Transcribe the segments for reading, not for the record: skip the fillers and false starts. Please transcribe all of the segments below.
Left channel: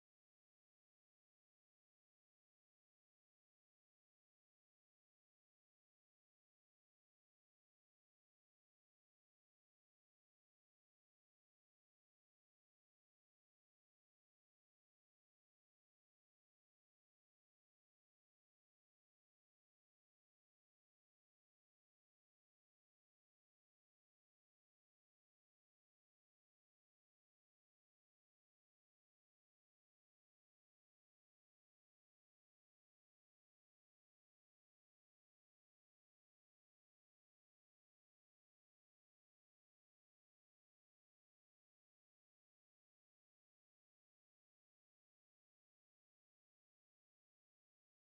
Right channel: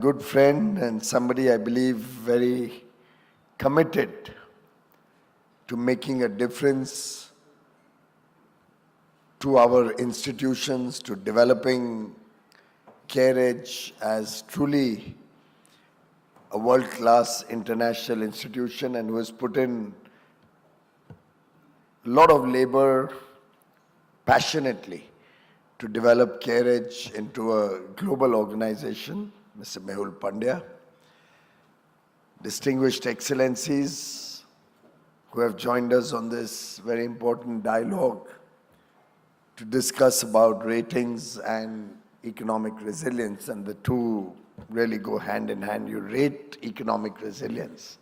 Good friend and somebody I believe very committed to making a difference to our institutions, to developing CareEdge as truly a world-class international institution, and who has put in a lot of labor passionately to develop CareEdge into a global organization, Mr. Mehul Pandya. Distinguished excellencies who have joined us on this very important dialogue to discuss about ratings and economic resilience, and the two really go hand in hand. You rate economic resilience.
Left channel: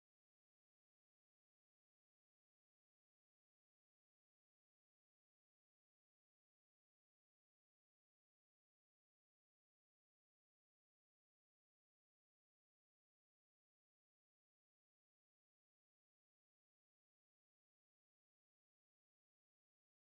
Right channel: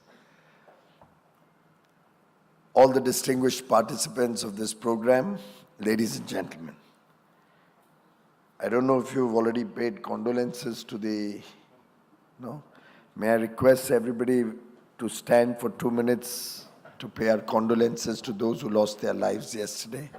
All the distinguished participants of this program, ladies and gentlemen, I don't know if you've already paid condolences to no? May I request everybody to stand for 2 minutes to pay our condolences to those who lost their lives yesterday.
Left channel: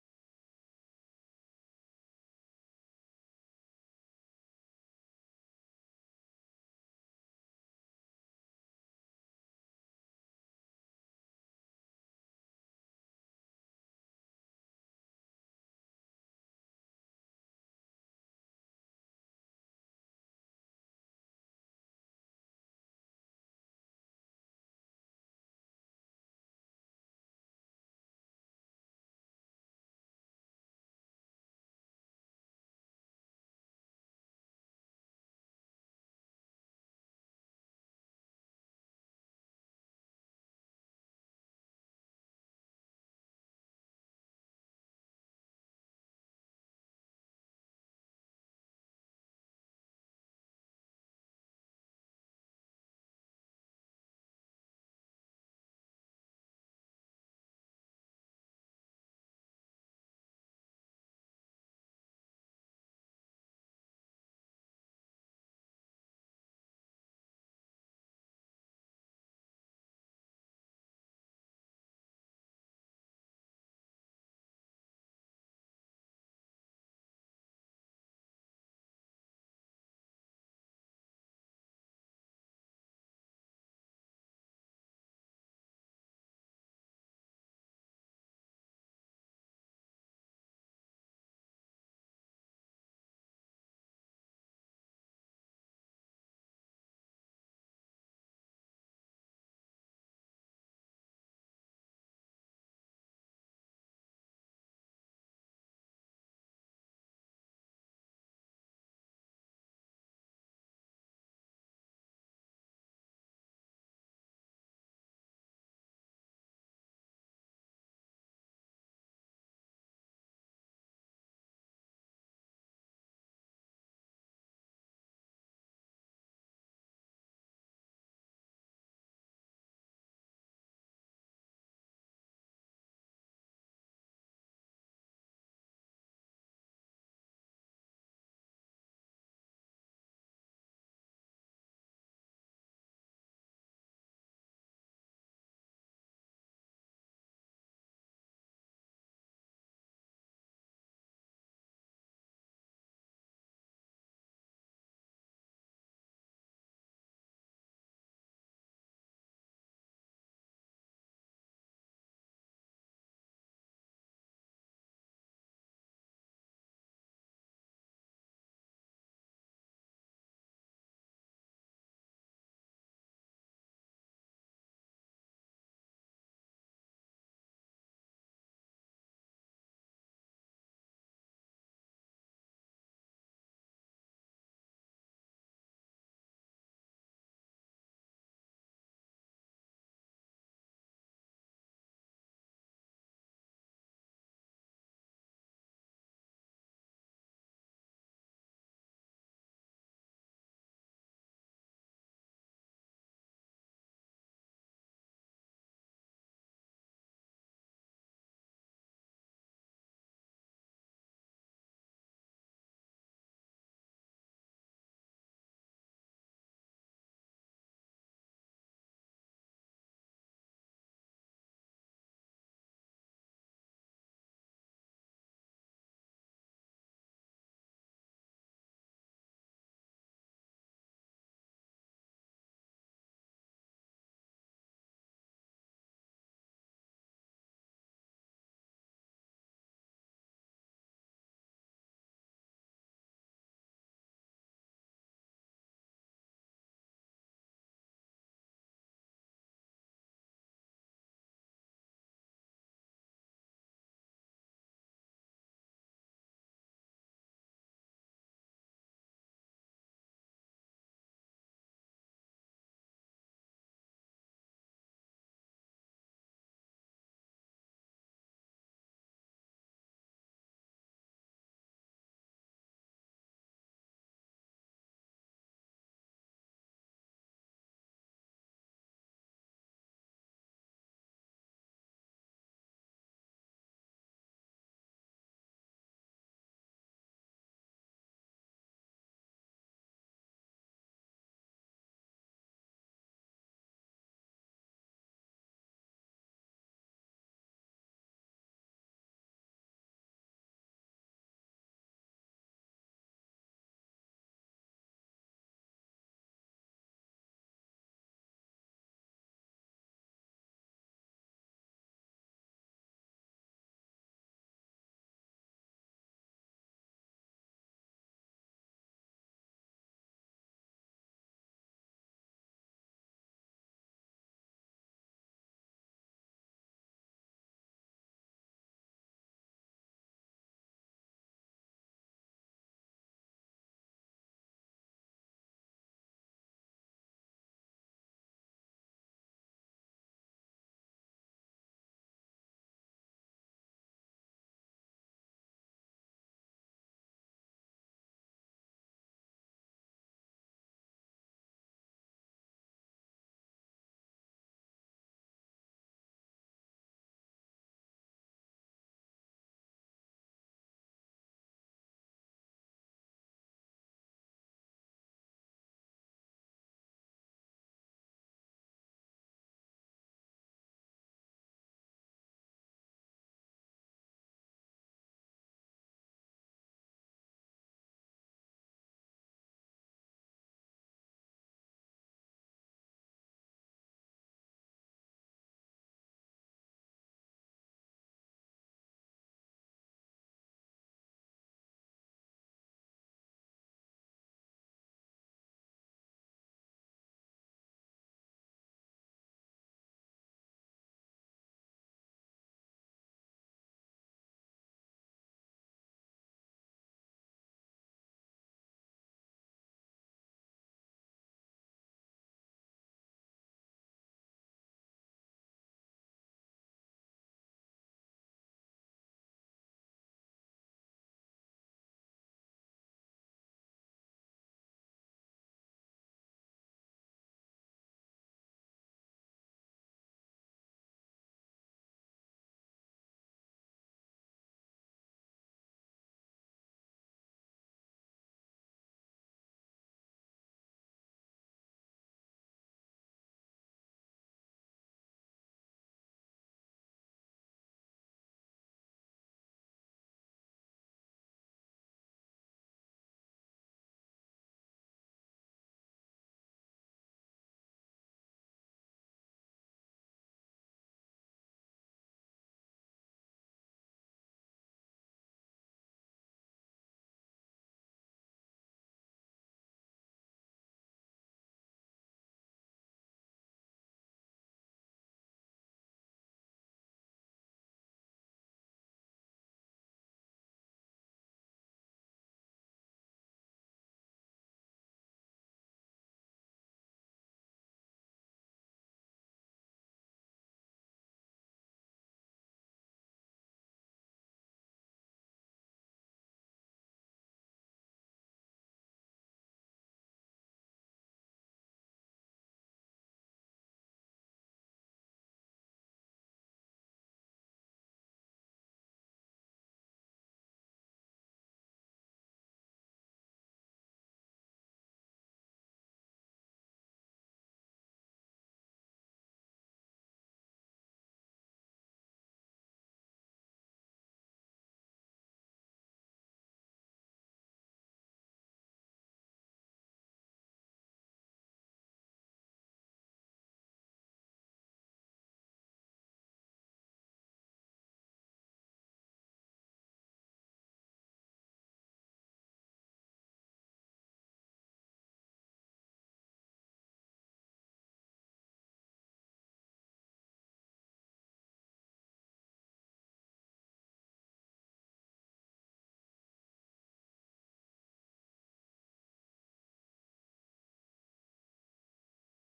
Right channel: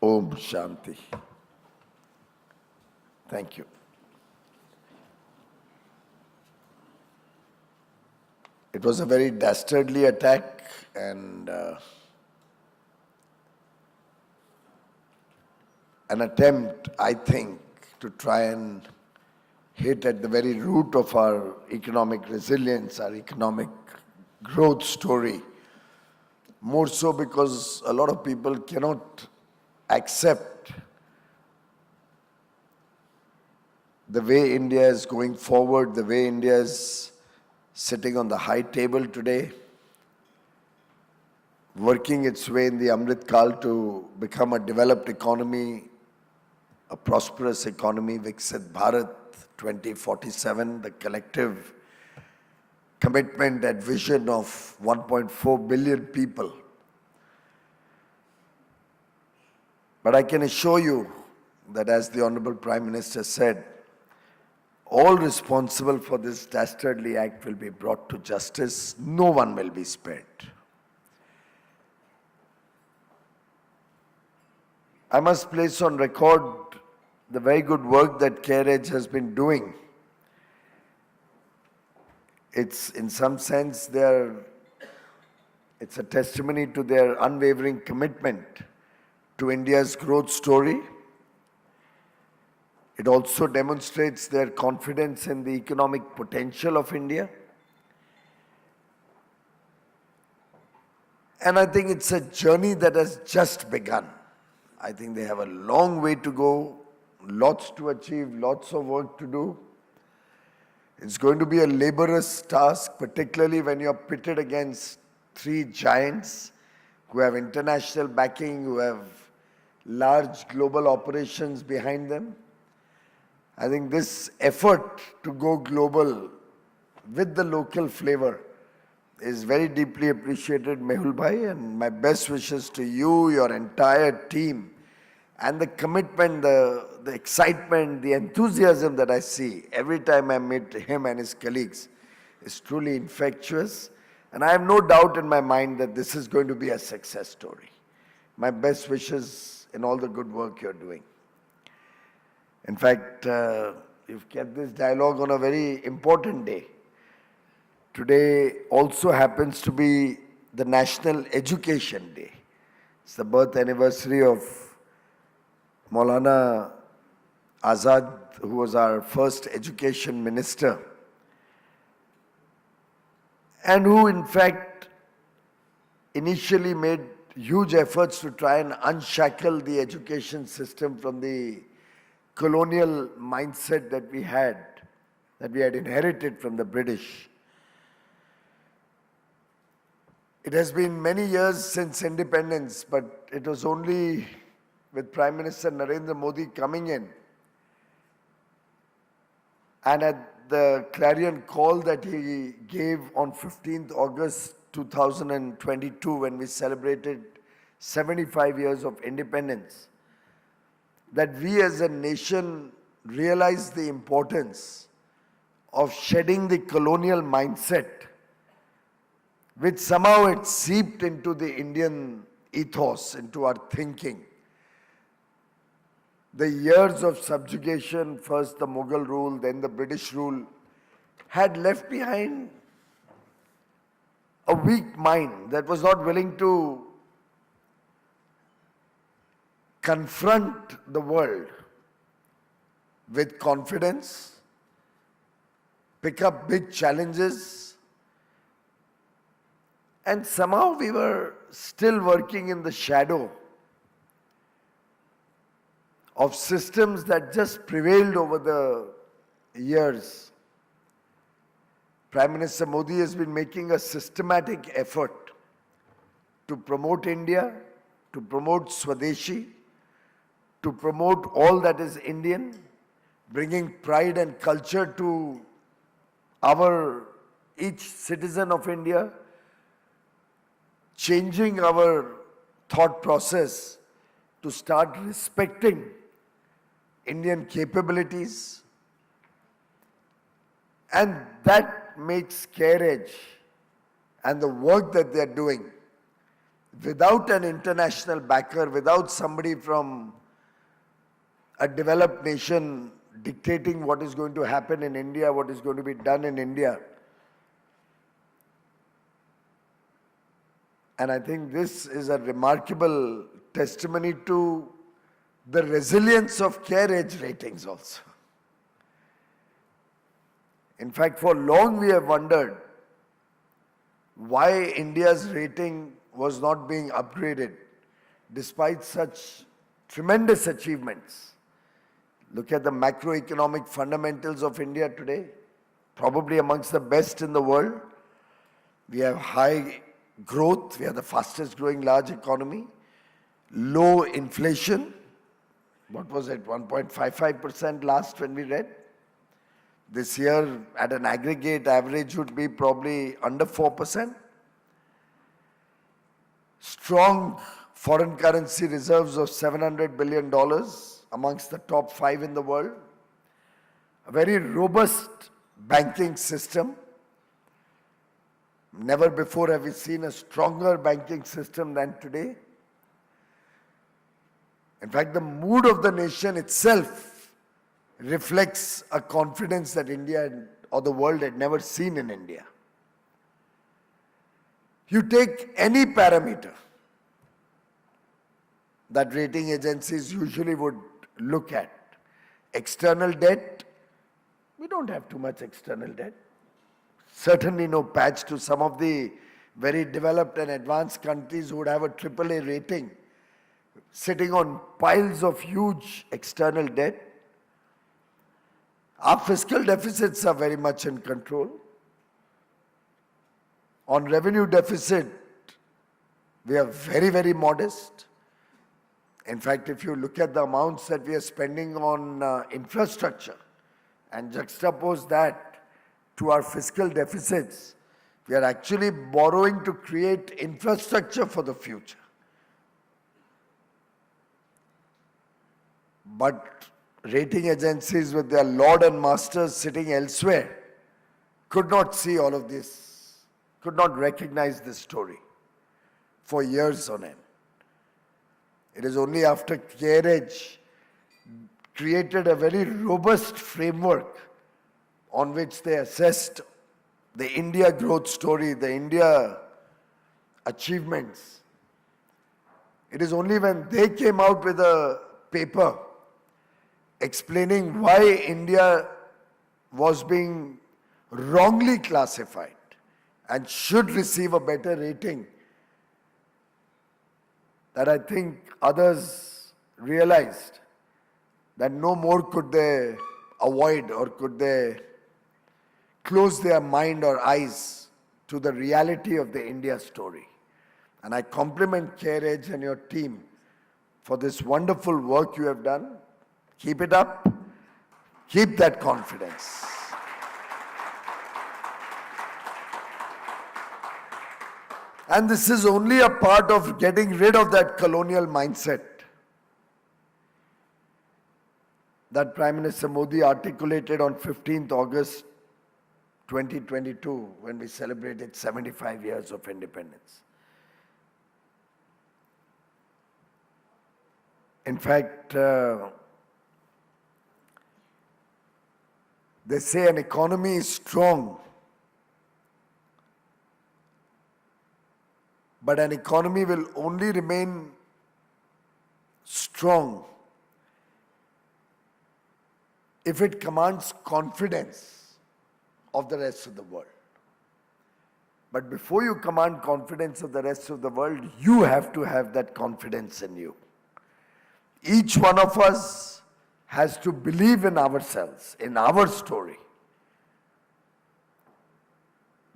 Om Shanti. Thank you. It was a very dastardly attack, and an attempt, I think, to try and hit at the very root of our economic resilience, our economic growth story. More so because a lot of people cannot accept the way India is going forward, the way India is sitting on the high table today, working its way in the Amrit Kal to become a developed economy, a prosperous economy, Viksit Bharat 2047, the collective commitment and vision of 1.4 billion people. But I can assure you that, as the Honorable Prime Minister said, all responsible for this dastardly act will be brought to justice. No one will be spared. I must place on record the very good work that CareEdge has been doing. It's, in some sense, it's a testimony to their unwavering commitment to India's growth story. It also demonstrates their confidence in the economic potential of India. And I think it's a journey that has just begun. I think they have a long way to go, lots to achieve, lots of work to do. It's going to be a laborious task, particularly when you're pitted against three giants who have international backing, who have large global operations behind them. I think this effort to go global with the local flavor is very deeply appreciated, Mehul Bhai, and my best wishes to you, your entire team, and the commitment, the excitement, the enthusiasm that I see every time I meet him and his colleagues is truly infectious. And I have no doubt in my mind that this is going to be a success story. My best wishes in all the good work you're doing. In fact, you've kept this dialogue on a very important day. Today also happens to be the National Education Day. It's the birth anniversary of Maulana Azad, who was our first education minister, and who in fact initially made huge efforts to try and unshackle the education system from the colonial mindset that we had inherited from the British. It has been many years since independence, but it was only with Prime Minister Narendra Modi coming in and at the clarion call that he gave on 15th August 2022, when we celebrated 75 years of independence, that we as a nation realized the importance of shedding the colonial mindset which somehow it seeped into the Indian ethos, into our thinking. The years of subjugation, first the Mughal rule, then the British rule, had left behind a weak mind that was not willing to confront the world with confidence, pick up big challenges, and somehow we were still working in the shadow of systems that just prevailed over the years. Prime Minister Modi has been making a systematic effort to promote India, to promote Swadeshi, to promote all that is Indian, bringing pride and culture to each citizen of India, changing our thought process to start respecting Indian capabilities, and that makes CareEdge and the work that they're doing without an international backer, without somebody from a developed nation dictating what is going to happen in India, what is going to be done in India. And I think this is a remarkable testimony to the resilience of CareEdge ratings also. In fact, for long we have wondered why India's rating was not being upgraded despite such tremendous achievements. Look at the macroeconomic fundamentals of India today, probably amongst the best in the world. We have high growth, we are the fastest growing large economy, low inflation. What was it, 1.55% last when we read? This year at an aggregate average would be probably under 4%. Strong foreign currency reserves of $700 billion amongst the top 5 in the world. A very robust banking system. Never before have we seen a stronger banking system than today. In fact, the mood of the nation itself reflects a confidence that India or the world had never seen in India. You take any parameter that rating agencies usually would look at. External debt, we don't have too much external debt. Certainly no patch to some of the very developed and advanced countries who would have a AAA rating, sitting on piles of huge external debt. Our fiscal deficits are very much in control. On revenue deficit, we are very, very modest. In fact, if you look at the amounts that we are spending on infrastructure and juxtapose that to our fiscal deficits, we are actually borrowing to create infrastructure for the future. But rating agencies with their lord and masters sitting elsewhere could not see all of this, could not recognize this story for years on end. It is only after CareEdge created a very robust framework on which they assessed the India growth story, the India achievements. It is only when they came out with a paper explaining why India was being wrongly classified and should receive a better rating that I think others realized that no more could they avoid or could they close their mind or eyes to the reality of the India story. And I compliment CareEdge and your team for this wonderful work you have done. Keep it up. Keep that confidence. And this is only a part of getting rid of that colonial mindset that Prime Minister Modi articulated on 15th August 2022, when we celebrated 75 years of independence. In fact, they say an economy is strong, but an economy will only remain strong if it commands confidence of the rest of the world. But before you command confidence of the rest of the world, you have to have that confidence in you. Each one of us has to believe in ourselves, in our story.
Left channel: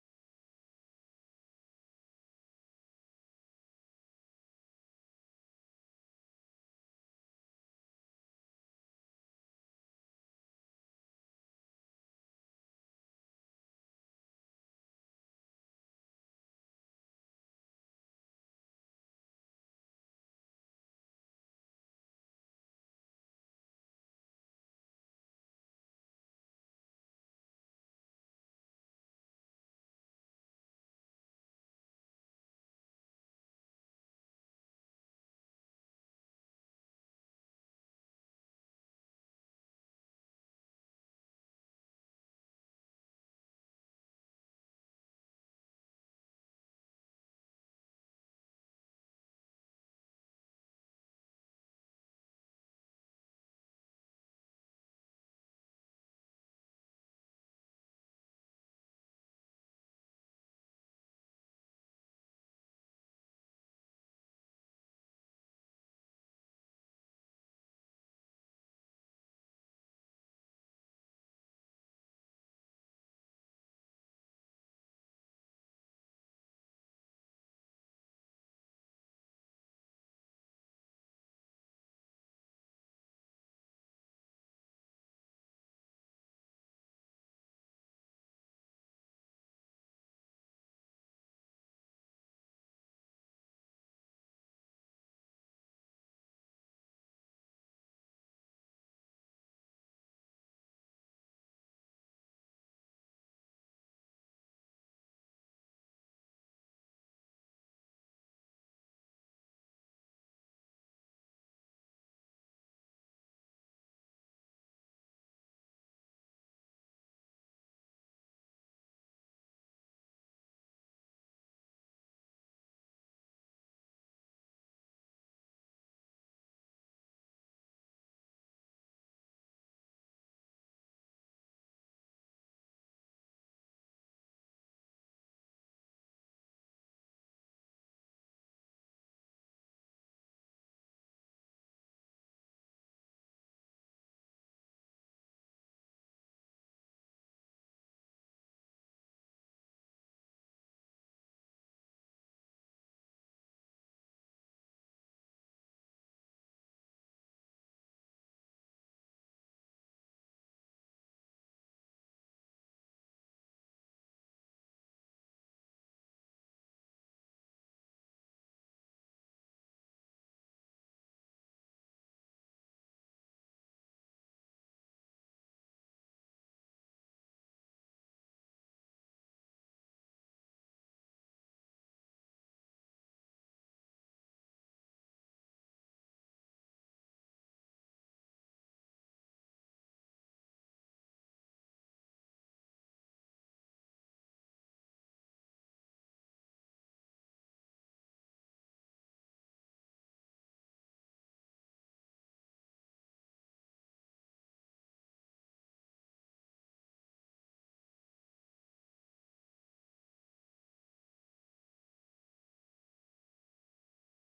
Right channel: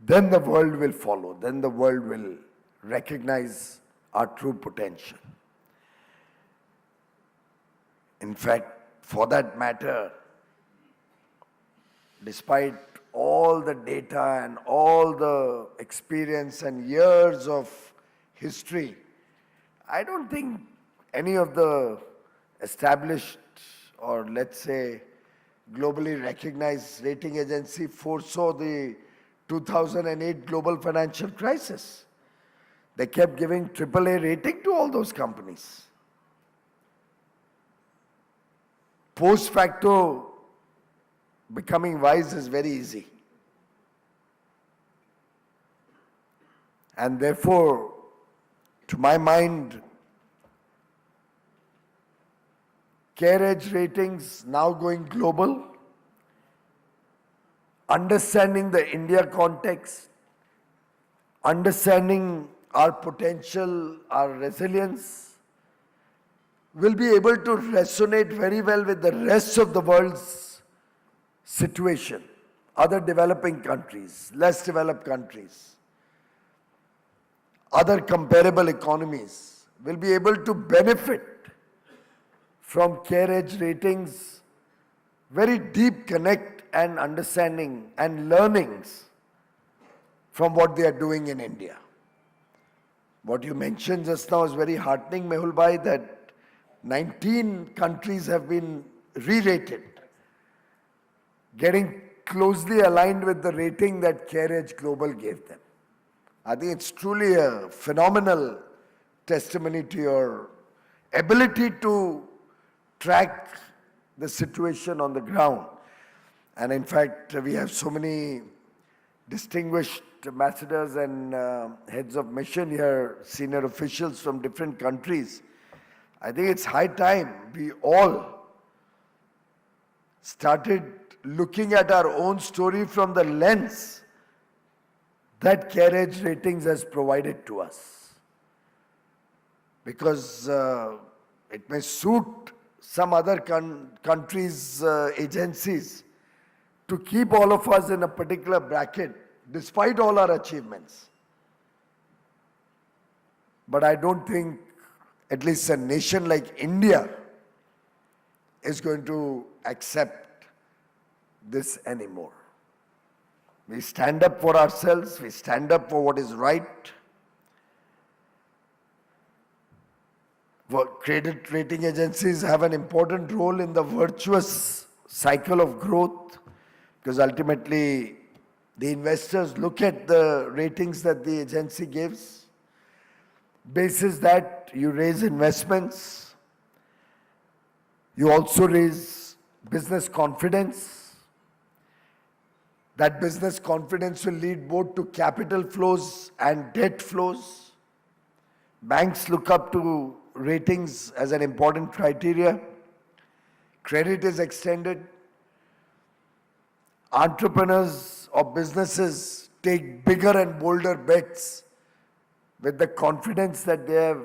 Then the world will follow. Then the world will recognize our true potential. In fact, for that matter, despite all the data and all the experience and years of history, I don't think any of the established or let's say globally recognized rating agency foresaw the 2008 global financial crisis. They kept giving AAA rating to all those companies. Post facto, becoming wise is very easy. And therefore, to my mind, CareEdge ratings now going global, understanding the India context, understanding our potential, our resilience, will be able to resonate very well with the rest of the world's situation, other developing countries, less developed countries, other comparable economies will be able to benefit from CareEdge ratings, very deep connect and understanding and learnings from what they are doing in India. What you mentioned just now is very heartening, Mehul Bhai, that 19 countries have been re-rated, getting closely aligned with the rating that CareEdge Global gave them. I think it's truly a phenomenal testimony to your ability to track the situation on the ground. And in fact, we have so many distinguished ambassadors and heads of mission here, senior officials from different countries. I think it's high time we all started looking at our own story from the lens that CareEdge ratings has provided to us. Because it may suit some other countries' agencies to keep all of us in a particular bracket despite all our achievements. But I don't think at least a nation like India is going to accept this anymore. We stand up for ourselves, we stand up for what is right. Credit rating agencies have an important role in the virtuous cycle of growth, because ultimately the investors look at the ratings that the agency gives. Basis that, you raise investments, you also raise business confidence. That business confidence will lead both to capital flows and debt flows. Banks look up to ratings as an important criteria. Credit is extended. Entrepreneurs or businesses take bigger and bolder bets with the confidence that they have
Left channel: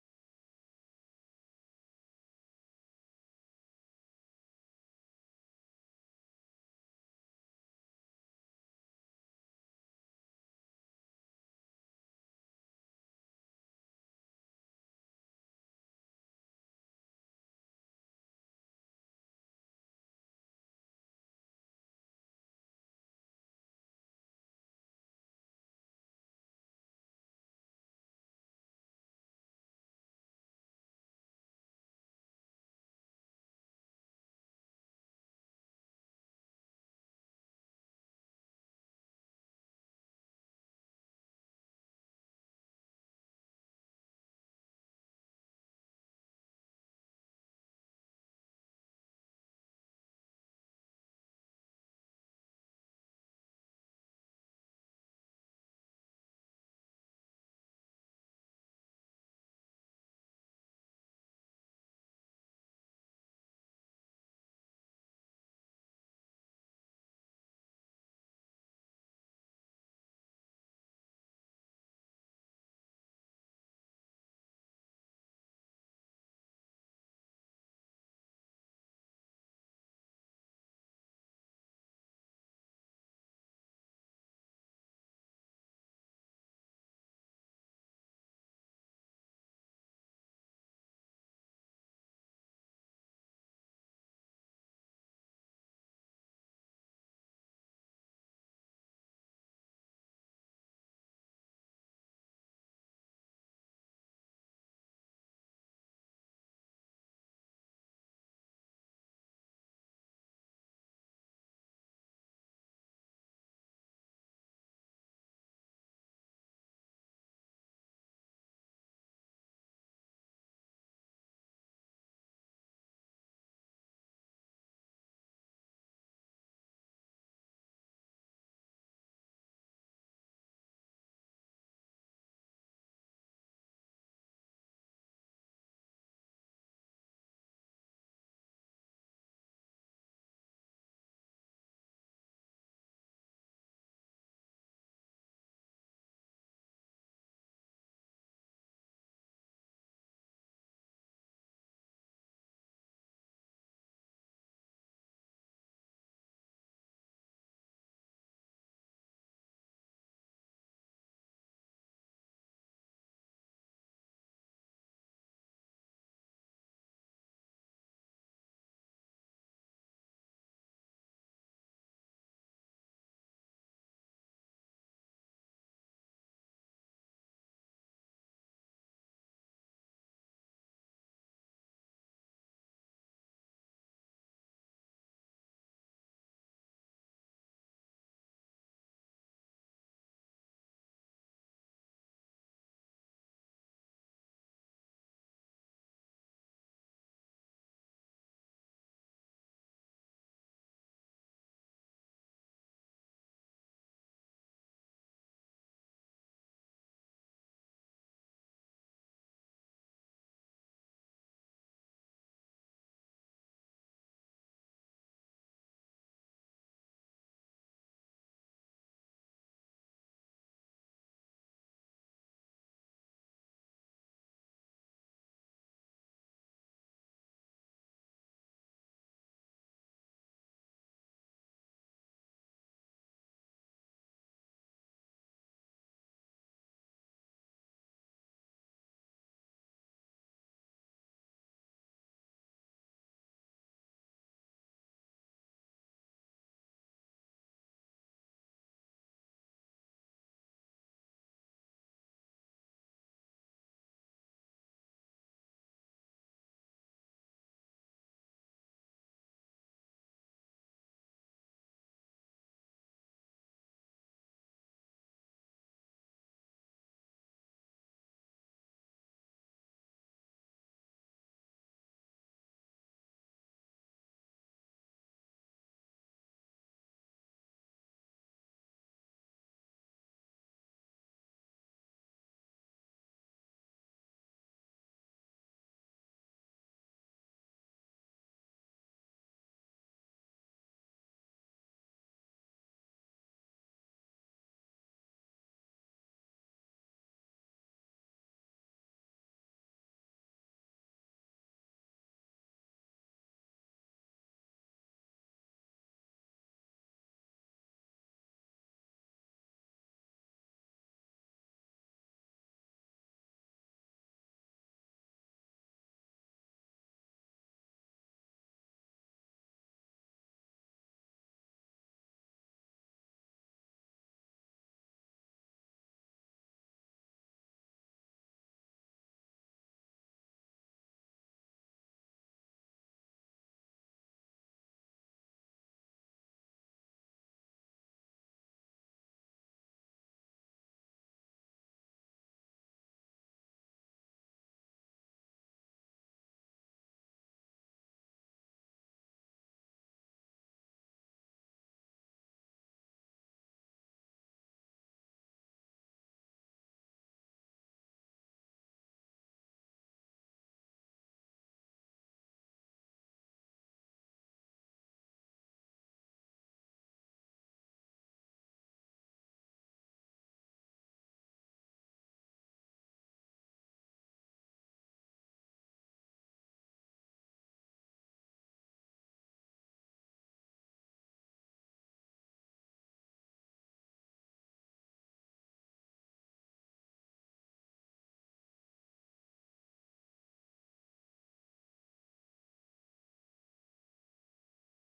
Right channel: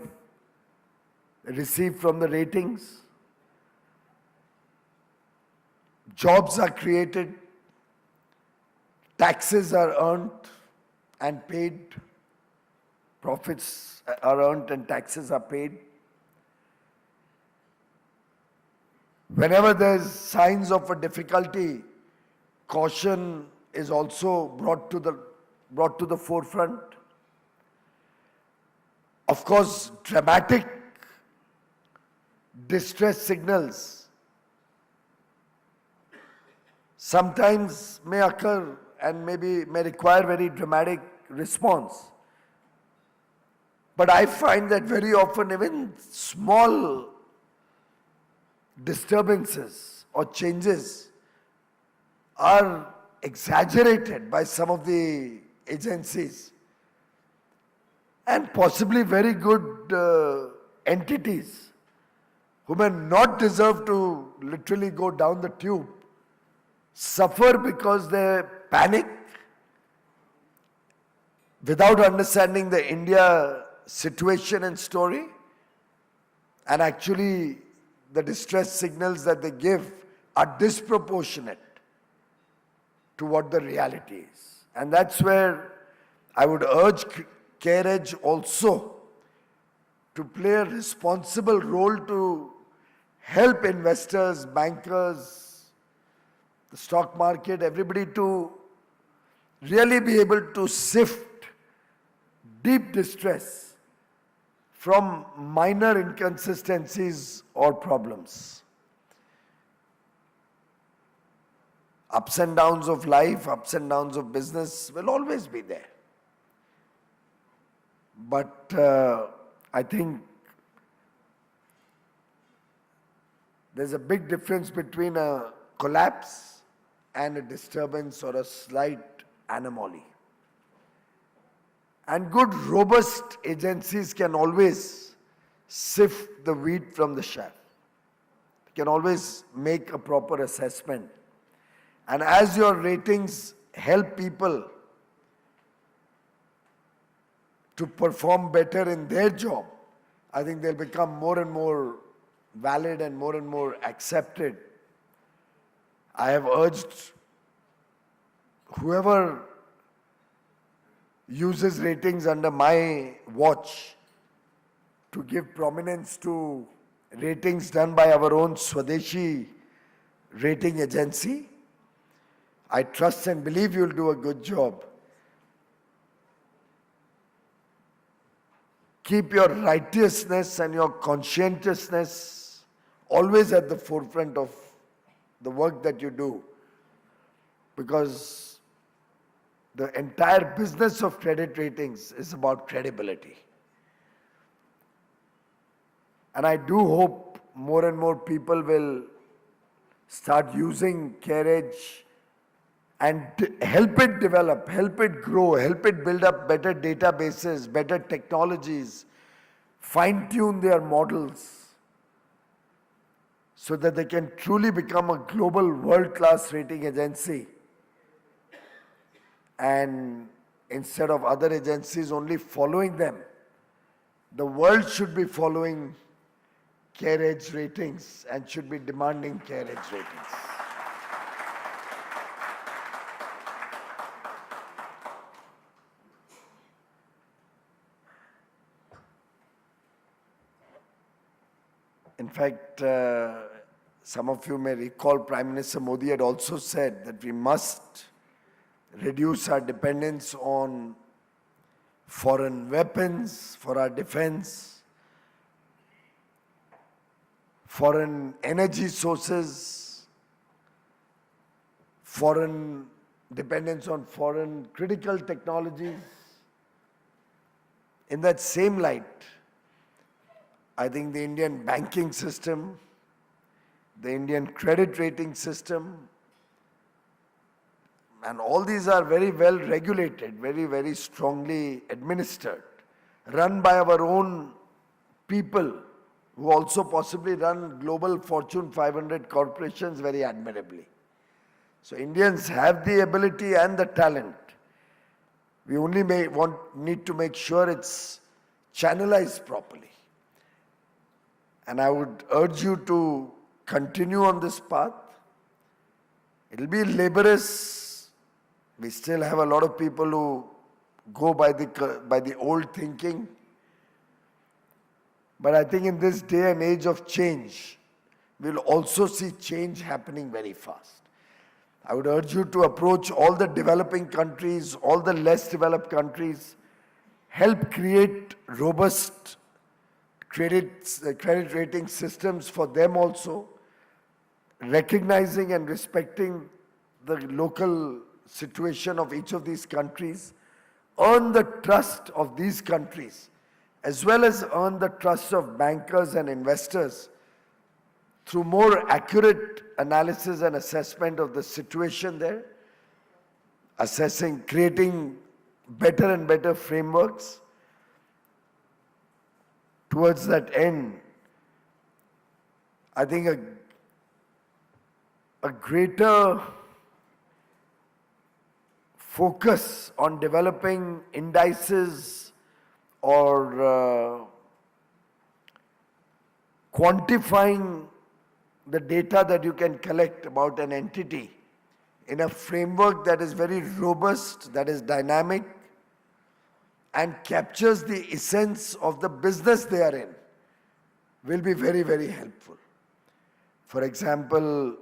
received from the ratings. Jobs are created, taxes are earned and paid, profits are earned and taxes are paid. Whenever there's signs of a difficulty, caution is also brought to the forefront. Of course, dramatic distress signals sometimes may occur and maybe may require very dramatic response. But I find that very often even small disturbances or changes are exaggerated by some of the agencies and possibly very good entities who may not deserve to literally go down the tube suffer because they panic without understanding the India situation and story, and actually the distress signals that they give are disproportionate to what the reality is. And that's where I would urge CareEdge also to play a responsible role to help investors, bankers, the stock market, everybody to really be able to sift deep distress from minor inconsistencies or problems. Ups and downs of life, ups and downs of business will always be there. But I think there's a big difference between a collapse and a disturbance or a slight anomaly. And good, robust agencies can always sift the wheat from the chaff. Can always make a proper assessment. And as your ratings help people to perform better in their job, I think they'll become more and more valid and more accepted. I have urged whoever uses ratings under my watch to give prominence to ratings done by our own Swadeshi rating agency. I trust and believe you'll do a good job. Keep your righteousness and your conscientiousness always at the forefront of the work that you do, because the entire business of credit ratings is about credibility. And I do hope more and more people will start using CareEdge and help it develop, help it grow, help it build up better databases, better technologies, fine-tune their models so that they can truly become a global world-class rating agency. And instead of other agencies only following them, the world should be following CareEdge ratings and should be demanding CareEdge ratings. In fact, some of you may recall Prime Minister Modi had also said that we must reduce our dependence on foreign weapons for our defense, foreign energy sources, foreign dependence on foreign critical technologies. In that same light, I think the Indian banking system, the Indian credit rating system, and all these are very well regulated, very strongly administered, run by our own people who also possibly run global Fortune 500 corporations very admirably. So Indians have the ability and the talent. We only need to make sure it's channelized properly. And I would urge you to continue on this path. It'll be laborious. We still have a lot of people who go by the old thinking. But I think in this day and age of change, we'll also see change happening very fast. I would urge you to approach all the developing countries, all the less developed countries, help create robust credit rating systems for them also, recognizing and respecting the local situation of each of these countries, earn the trust of these countries, as well as earn the trust of bankers and investors through more accurate analysis and assessment of the situation there, creating better and better frameworks. Towards that end, I think a greater focus on developing indices or quantifying the data that you can collect about an entity in a framework that is very robust, that is dynamic, and captures the essence of the business they are in, will be very, very helpful. For example,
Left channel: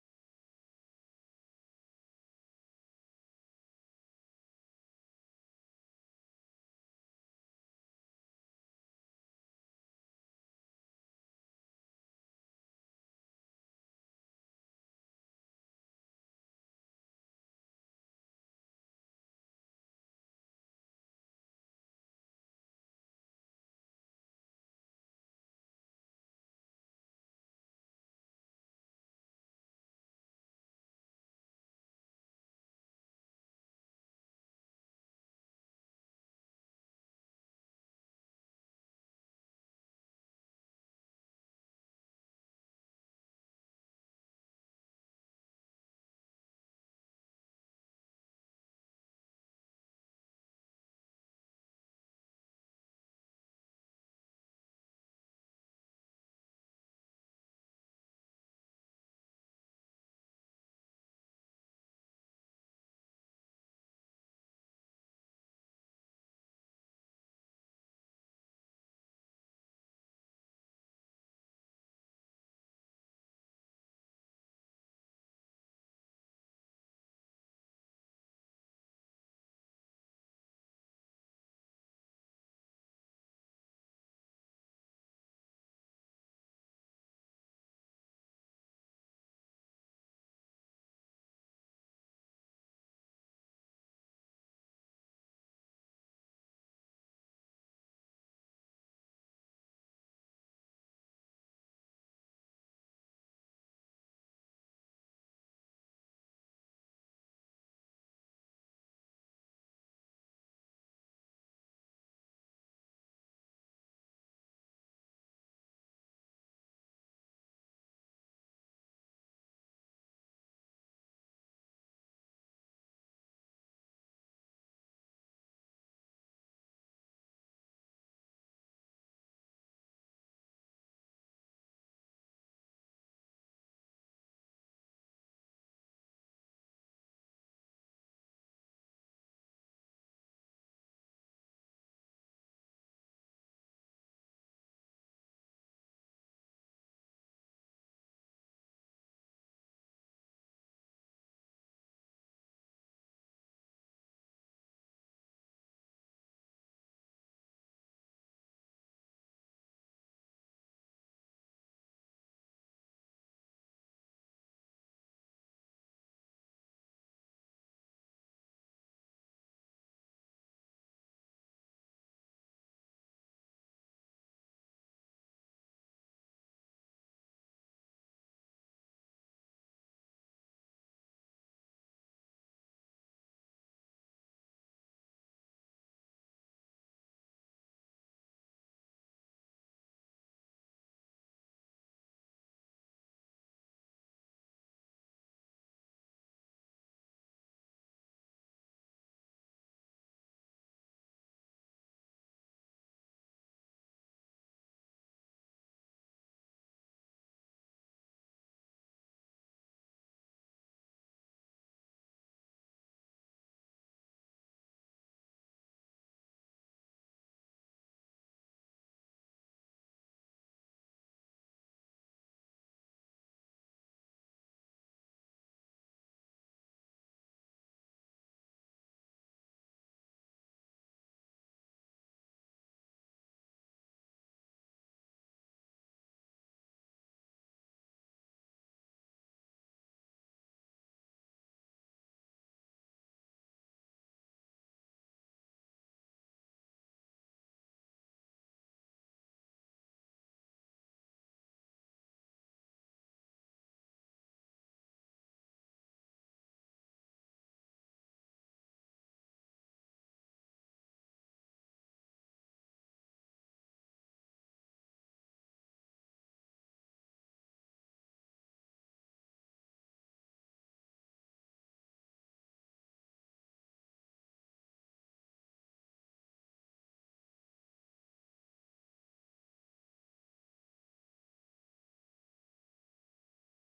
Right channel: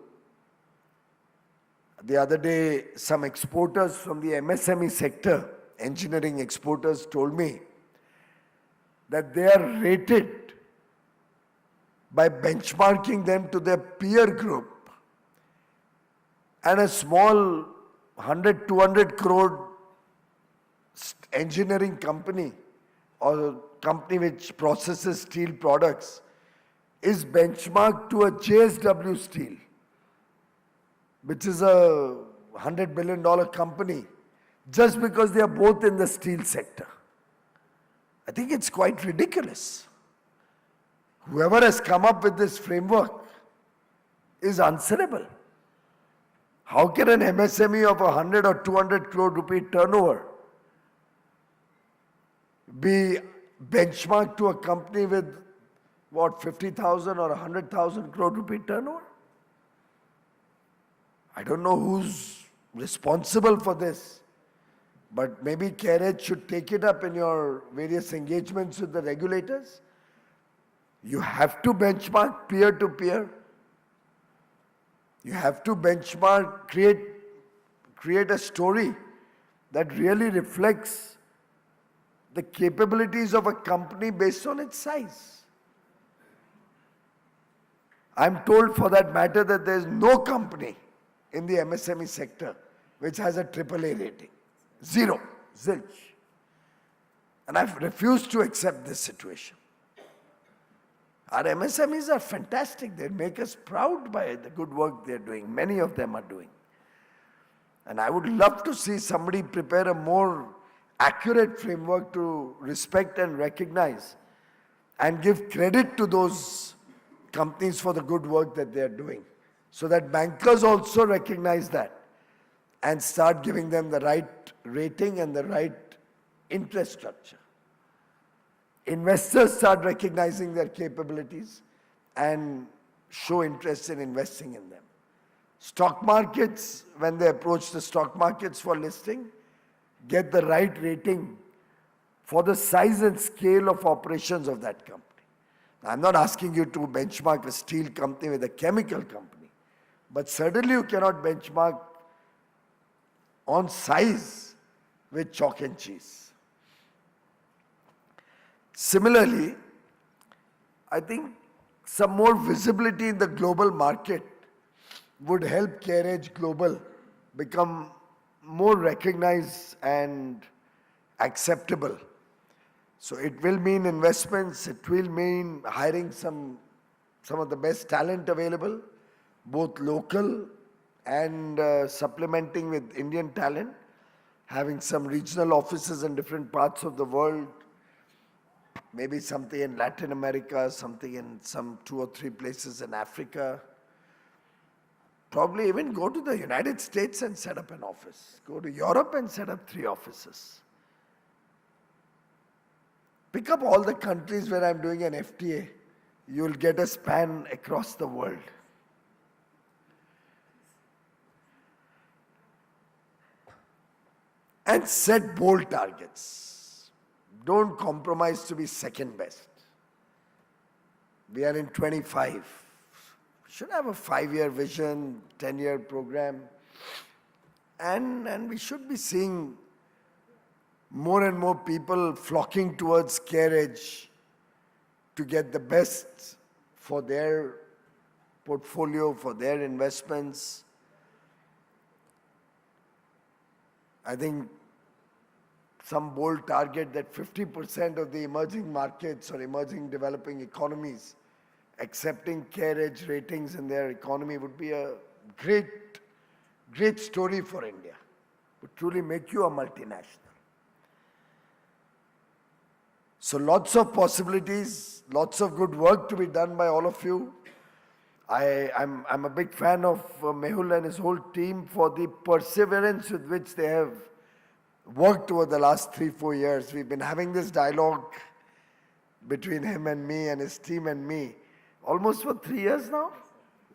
the other day, some exporters from the MSME sector, engineering exporters, told me that they are rated by benchmarking them to their peer group, and a small 100, 200 crore engineering company or company which processes steel products is benchmarked to a JSW Steel, which is a $100 billion company, just because they are both in the steel sector. I think it's quite ridiculous. Whoever has come up with this framework is answerable. How can an MSME of 100 or 200 crore rupee turnover be benchmarked to a company with, what, 50,000 or 100,000 crore rupee turnover? I don't know who's responsible for this, but maybe CareEdge should take it up in your various engagements with the regulators. You have to benchmark peer to peer. You have to benchmark, create a story that really reflects the capabilities of a company based on its size. I'm told, for that matter, that there is no company in the MSME sector which has a AAA rating. Zero. Zilch. And I've refused to accept this situation. Our MSMEs are fantastic. They make us proud by the good work they're doing. Many of them are doing. And I would love to see somebody prepare a more accurate framework to respect and recognize and give credit to those companies for the good work that they're doing, so that bankers also recognize that and start giving them the right rating and the right interest structure. Investors start recognizing their capabilities and show interest in investing in them. Stock markets, when they approach the stock markets for listing, get the right rating for the size and scale of operations of that company. I'm not asking you to benchmark a steel company with a chemical company, but certainly you cannot benchmark on size with chalk and cheese. Similarly, I think some more visibility in the global market would help CareEdge Global become more recognized and acceptable. So it will mean investments, it will mean hiring some of the best talent available, both local and supplementing with Indian talent, having some regional offices in different parts of the world, maybe something in Latin America, something in some 2 or 3 places in Africa. Probably even go to the United States and set up an office. Go to Europe and set up 3 offices. Pick up all the countries where I'm doing an FTA. You'll get a span across the world. And set bold targets. Don't compromise to be second best. We are in 25. We should have a 5-year vision, 10-year program. And we should be seeing more and more people flocking towards CareEdge to get the best for their portfolio, for their investments. I think some bold target that 50% of the emerging markets or emerging developing economies accepting CareEdge ratings in their economy would be a great story for India. Would truly make you a multinational. So lots of possibilities, lots of good work to be done by all of you. I'm a big fan of Mehul and his whole team for the perseverance with which they have worked over the last 3-4 years. We've been having this dialogue between him and me and his team and me almost for 3 years now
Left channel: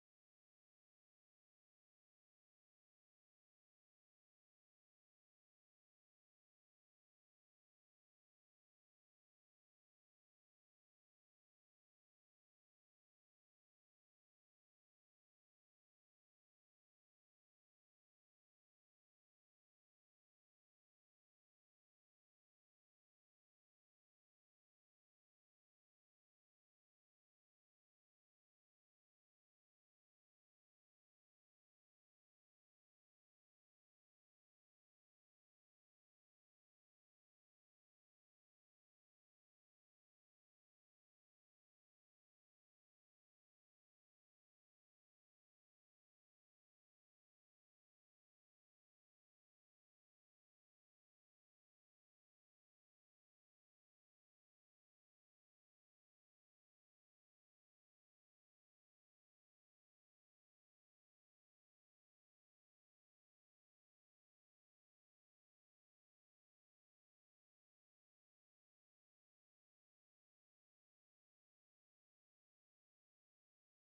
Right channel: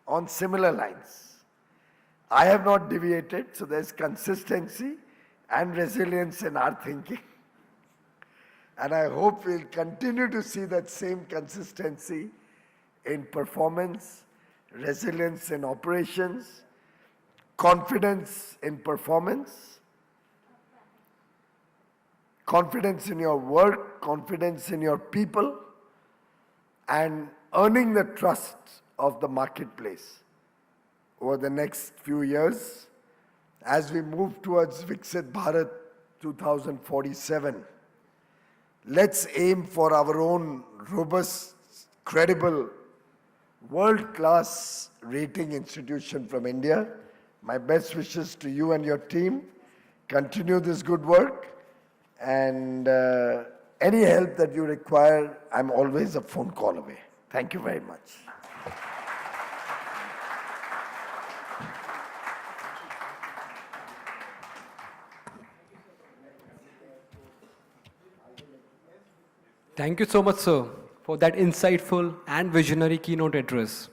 on similar lines. I have not deviated, so there's consistency and resilience in our thinking. And I hope we'll continue to see that same consistency in performance, resilience in operations, confidence in performance, confidence in your work, confidence in your people, and earning the trust of the marketplace over the next few years as we move towards Viksit Bharat 2047. Let's aim for our own robust, credible, world-class rating institution from India. My best wishes to you and your team. Continue this good work, and any help that you require, I'm always a phone call away. Thank you very much. Thank you so much, sir, for that insightful and visionary keynote address.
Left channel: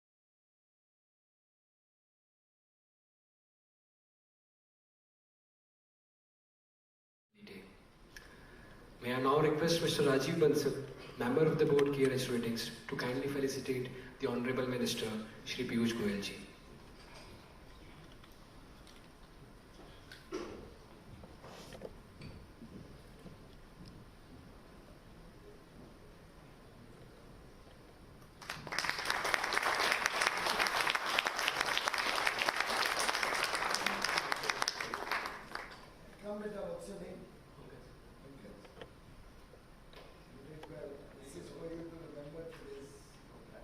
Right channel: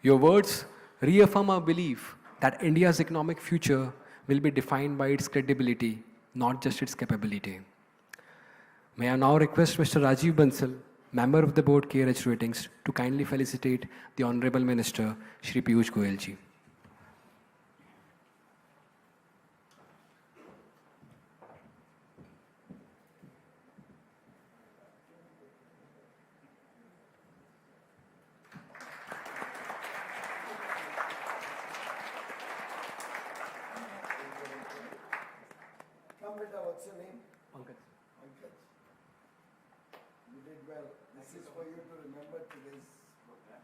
Your words reaffirm our belief that India's economic future will be defined by its credibility, not just its capability. May I now request Mr. Rajiv Bansal, Member of the Board CareEdge Ratings, to kindly felicitate the Honorable Minister, Shri Piyush Goyal ji. What's your name? Pankaj. You did well. This is for you to remember today's program.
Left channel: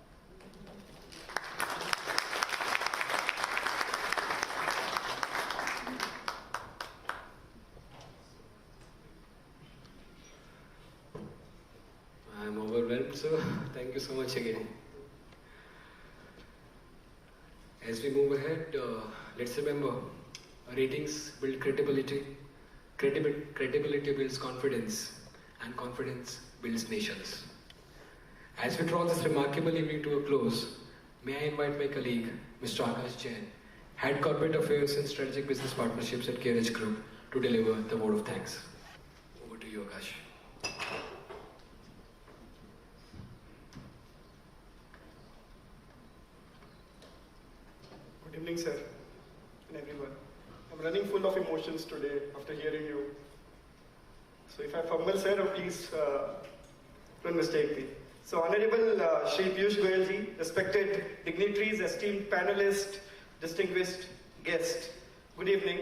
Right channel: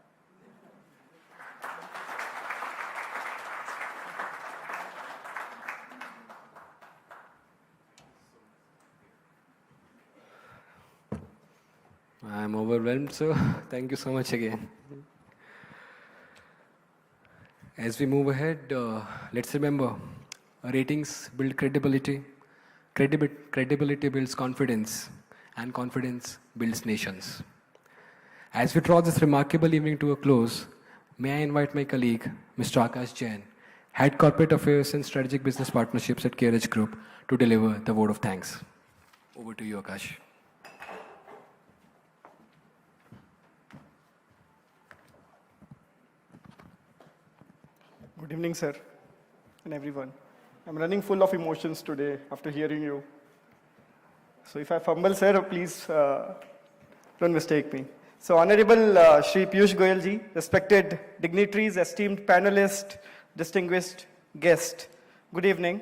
I'm overwhelmed, sir. Thank you so much again. As we move ahead, let's remember, ratings build credibility, credibility builds confidence, and confidence builds nations. As we draw this remarkable evening to a close, may I invite my colleague, Mr. Akash Jain, Head Corporate Affairs and Strategic Business Partnerships at CareEdge Group, to deliver the vote of thanks. Over to you, Akash. Good evening, sir, and everyone. I'm running full of emotions today after hearing you. So if I fumble, sir, please don't mistake me. So Honorable Shri Piyush Goyal ji, respected dignitaries, esteemed panelists, distinguished guests, good evening.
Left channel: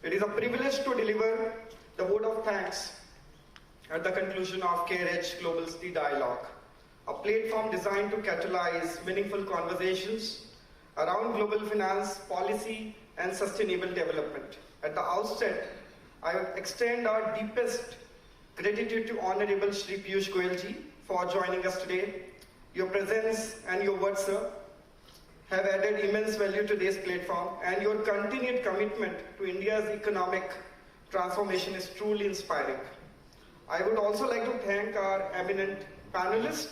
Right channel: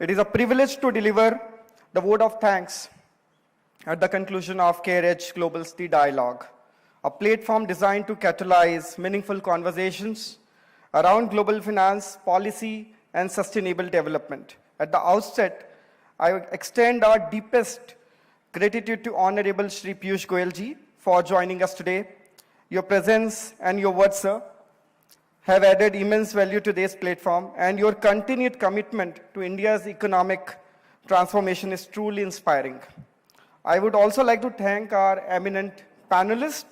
It is a privilege to deliver the vote of thanks at the conclusion of CareEdge Global City Dialogue, a platform designed to catalyze meaningful conversations around global finance, policy, and sustainable development. At the outset, I would extend our deepest gratitude to Honorable Shri Piyush Goyal ji for joining us today. Your presence and your words, sir, have added immense value to this platform, and your continued commitment to India's economic transformation is truly inspiring. I would also like to thank our eminent panelists.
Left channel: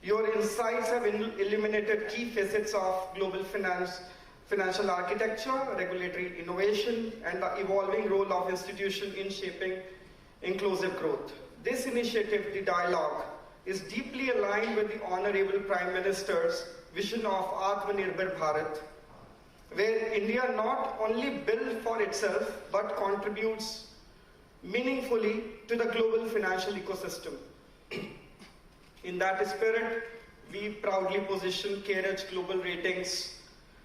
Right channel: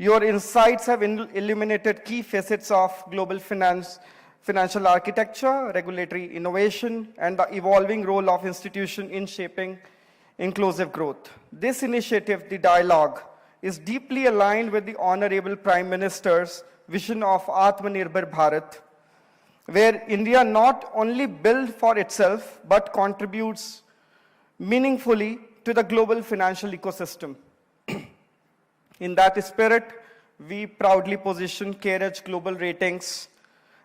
Your insights have illuminated key facets of global financial architecture, regulatory innovation, and the evolving role of institutions in shaping inclusive growth. This initiative, the dialogue, is deeply aligned with the Honorable Prime Minister's vision of Atmanirbhar Bharat, where India not only builds for itself, but contributes meaningfully to the global financial ecosystem. In that spirit, we proudly position CareEdge Global Ratings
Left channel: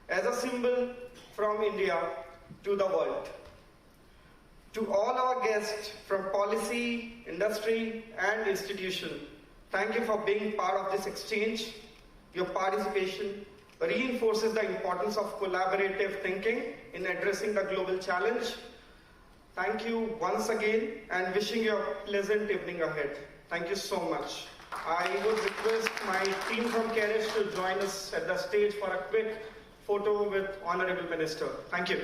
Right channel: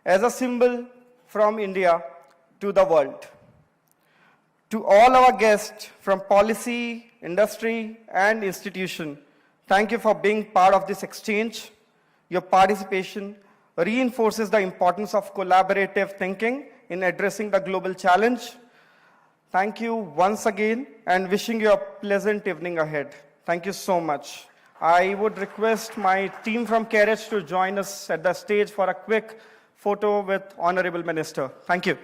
as a symbol from India to the world. To all our guests from policy, industry, and institution, thank you for being part of this exchange. Your participation reinforces the importance of collaborative thinking in addressing the global challenge. Thank you once again and wishing you a pleasant evening ahead. Thank you so much. I would request my team from CareEdge to join us at the stage for a quick photo with Honorable Minister. Thank you.